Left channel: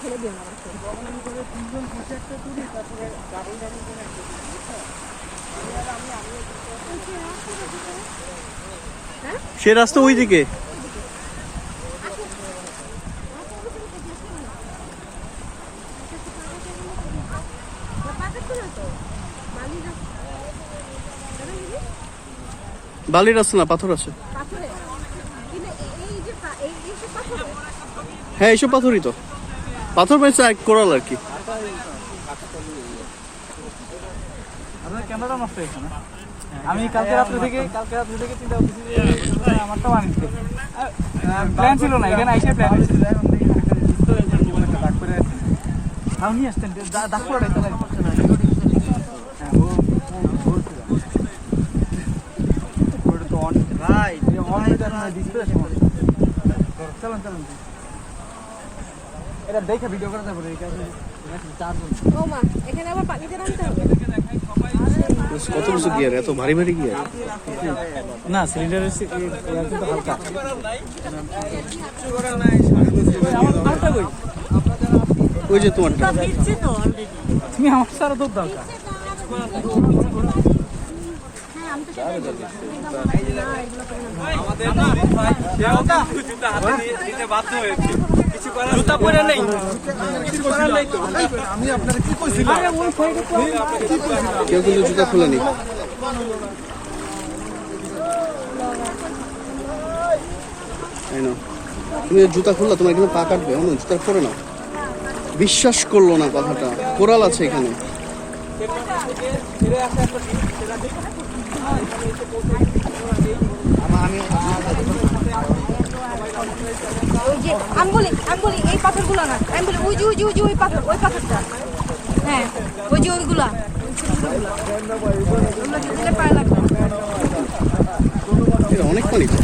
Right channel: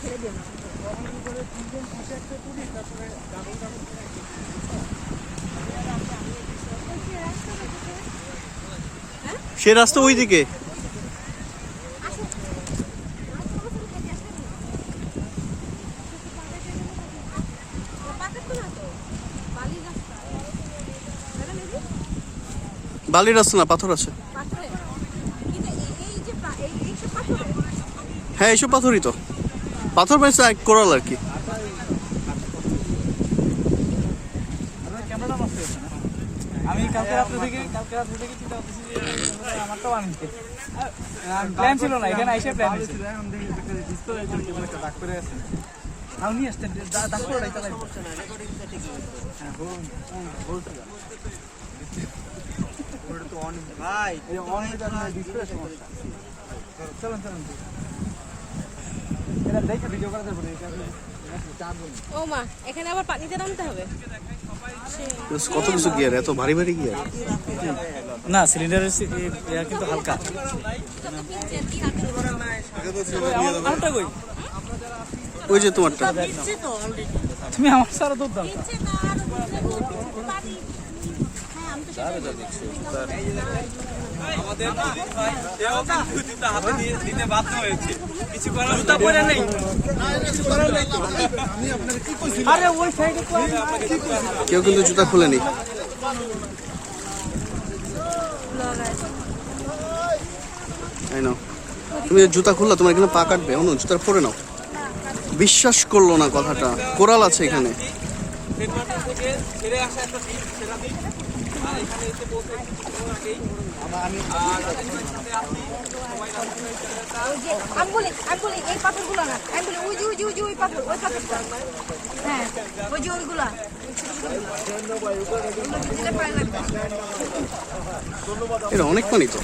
ছেড়ে দিও না সে রাস্তা ওইদিকে। বালির রাস্তা না, পাথর আছে। হ্যাঁ এইসব পাথরই তো, পাথর পাইছে এক কোরাল আর কি। আমি কালকে রাত্রে থেকে চিন্তা করতেছি যে আমারটাও আনতে প্ল্যান ছিল না, এখানে এসে প্ল্যান হয়েছিল। একটা দাগ করে আছে, তাও নিয়ে আসতেন দাগ করে রাখতে দেখে ভিডিও করা যাবে। কত কিছু গিয়ার, এত ভারী ভারী গিয়ার না, সিলিন্ডারের কিন্তু হালকা। ওই যে তোমারটা, তুমি আমার সারা দুধ দাও। কেউ কিন্তু জুতা খুলেনি। তুমি জুতা খুললা, তোমার এখানে পা কাটবে, অন্য জুতা পরে নাও। বিশ্বাস করলো না কথাটা, কোরাল আছে এখানে। এই পাথরগুলো না, ওই পাথরটা, হ্যাঁ ওই যে ওইগুলা পায়ে লাগবে। অনেক পানি তো।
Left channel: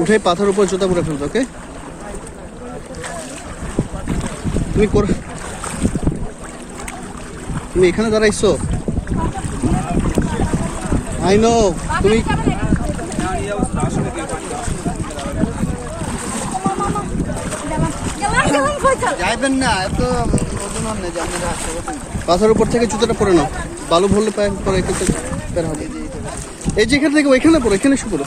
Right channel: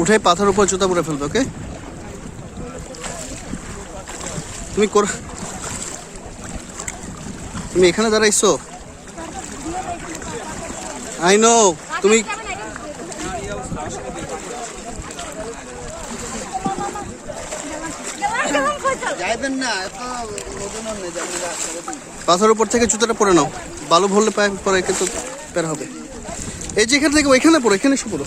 উঠে পাথর উপর জুতা পরে ফেলবে। ওকে, তুমি এখানে দাঁড়াইছো। আই নো তুমি পাথর উপর থেকে জুতাটা পরে নাও, বালু ভরলে পায়ে পরে একটু বের হবে। এই যে এখান থেকে ওইখানে পড়ো, এখানে এসে পড়ো।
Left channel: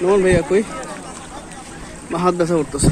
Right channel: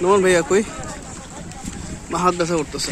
নোমান ভাইয়া কই, হাত ব্যথা করতেছে।